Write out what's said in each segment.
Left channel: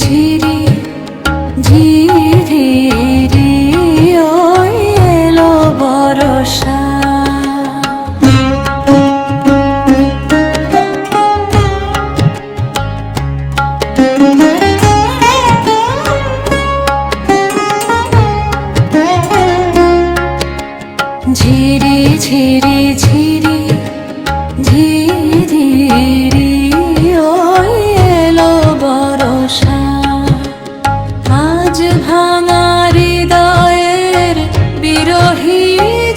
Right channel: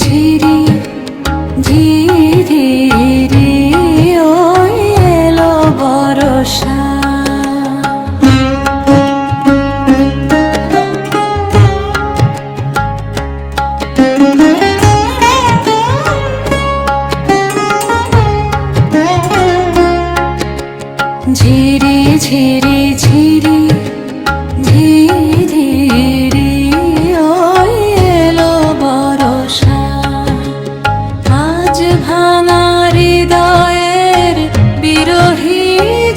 ঝিরি ঝিরি ওই এলো বরষা। ঝিরি ঝিরি ঝিরি ঝিরি ওই এলো বরষা। আজ ভাঙা হৃদয়ের বিরহী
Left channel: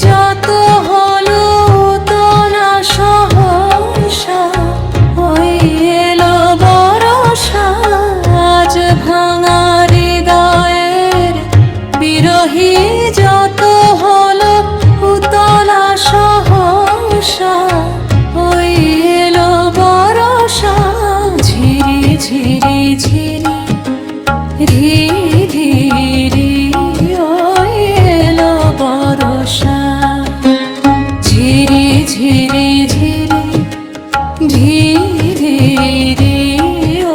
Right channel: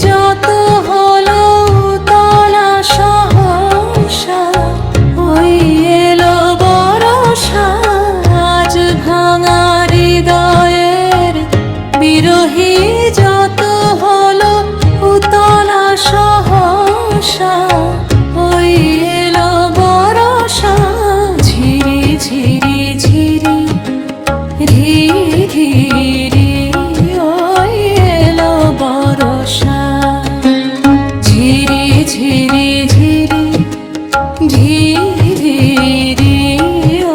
যত হলো তলা সহসা ওই এলো বরষা। আজ ভাঙা হৃদয়ের বিরহী যত হলো উতলা সহসা ওই এলো বরষা। ঝিরি ঝিরি ঝিরি রি ওই এলো বরষা। ঝিরি ঝিরি ঝিরি ঝিরি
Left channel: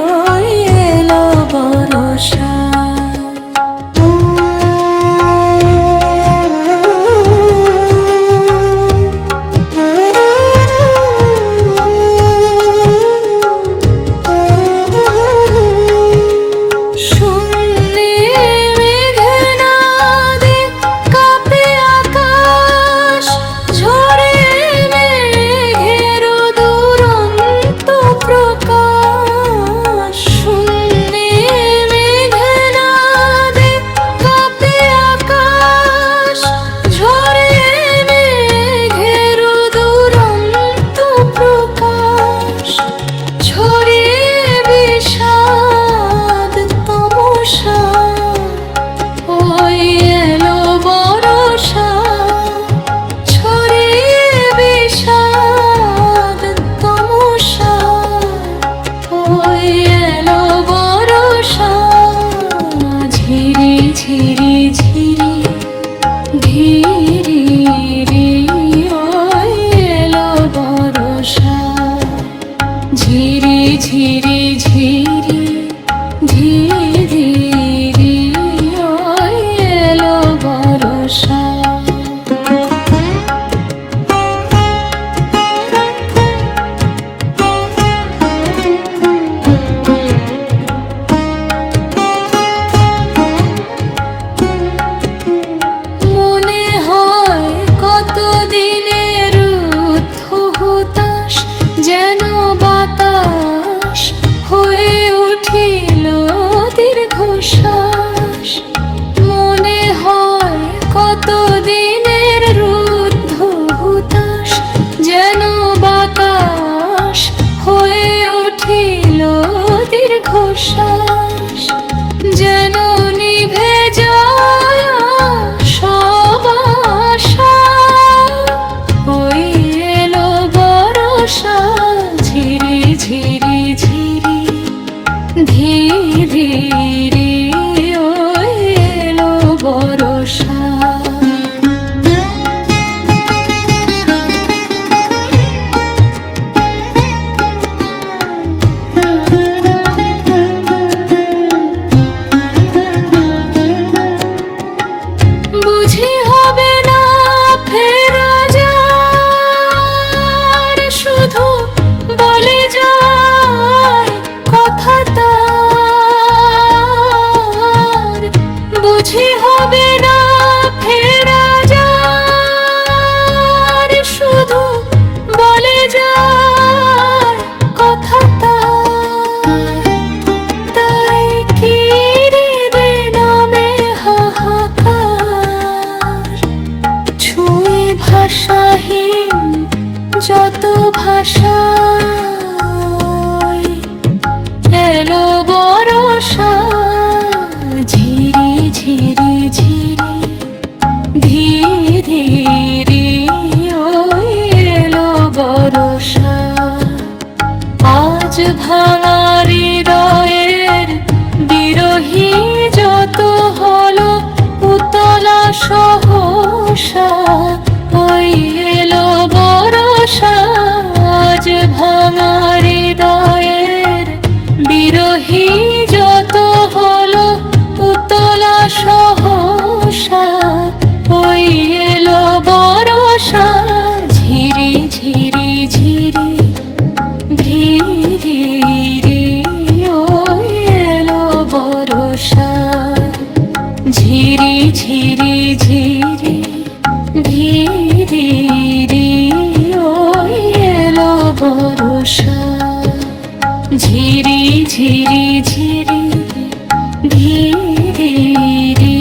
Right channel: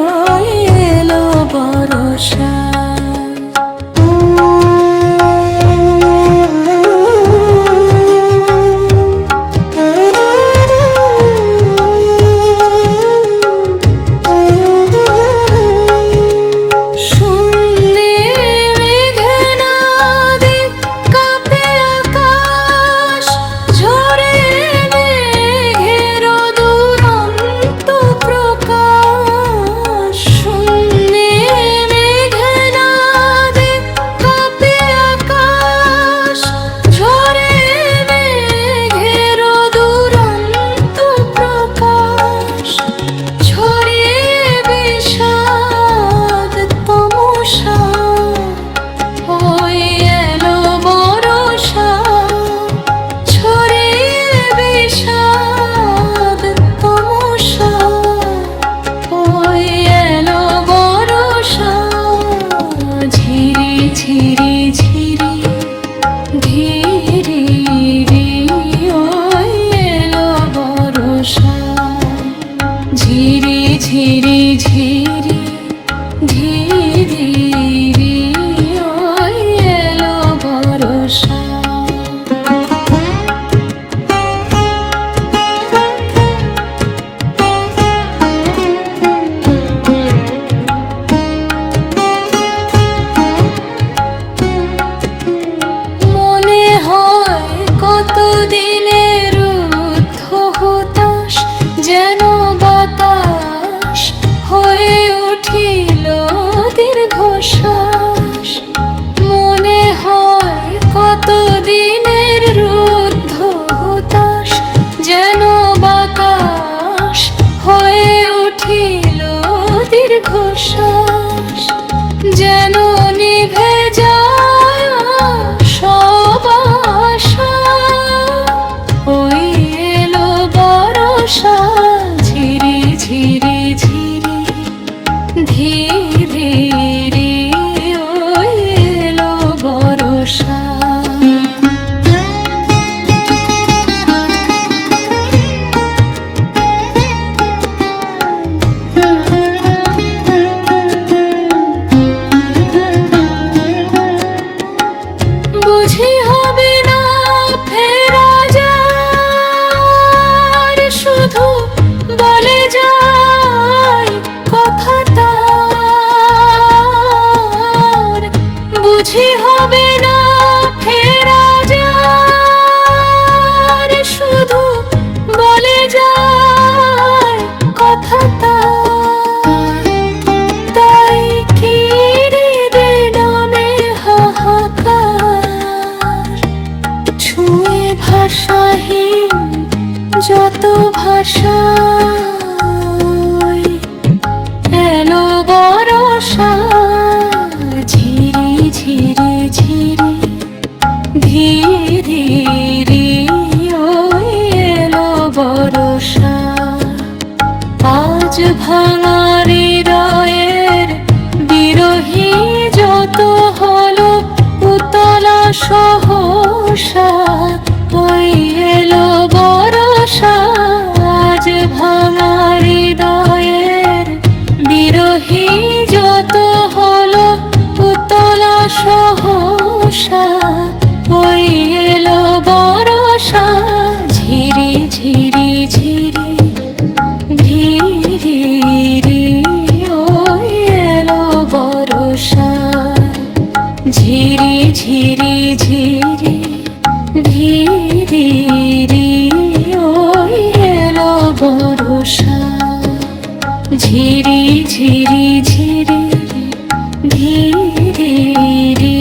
ওই এলো বরষা। ওই এলো বরষা ছড়িয়ে বিষাদ তমসা। ওই এলো বরষা ঝিরি ঝিরি ঝিরি ধীরি ওই এলো বরষা। ঝিরি ঝিরি ঝিরি ধীরি ওই এলো বরষা। মনে হয় কতদিনের রুদ্ধ হুতাশ যেন বাতাস হয়ে উঠিল দীর্ঘশ্বাস। মনে হয় কতদিনের রুদ্ধ হুতাশ যেন বাতাস হয়ে উঠিল দীর্ঘশ্বাস। যেন নিভে যায় সব আশা ওই এলো বরষা। ঝিরি ঝিরি ঝিরি ধীরি ওই এলো বরষা। বুঝি হবে না ফেরা যার শুধু বলে যায় কথা তার। বুঝি হবে না ফেরা যার শুধু বলে যায় কথা তার। তাই কি হৃদে নামে হাহাকার ছুঁয়ে ভাষাহীন যত ভাষা এলো বরষা। ঝিরি ঝিরি ঝিরি ধীরি ওই এলো বরষা। আজ ভাঙা হৃদয়ের বিরহী যত হলো উতলা সহসা ওই এলো বরষা। আজ ভাঙা হৃদয়ের বিরহী যত ঝিরি ঝিরি ঝিরি ধীরি রি ওই এলো বর্ষা ঝিরি ঝিরি ঝিরি ধীরি রি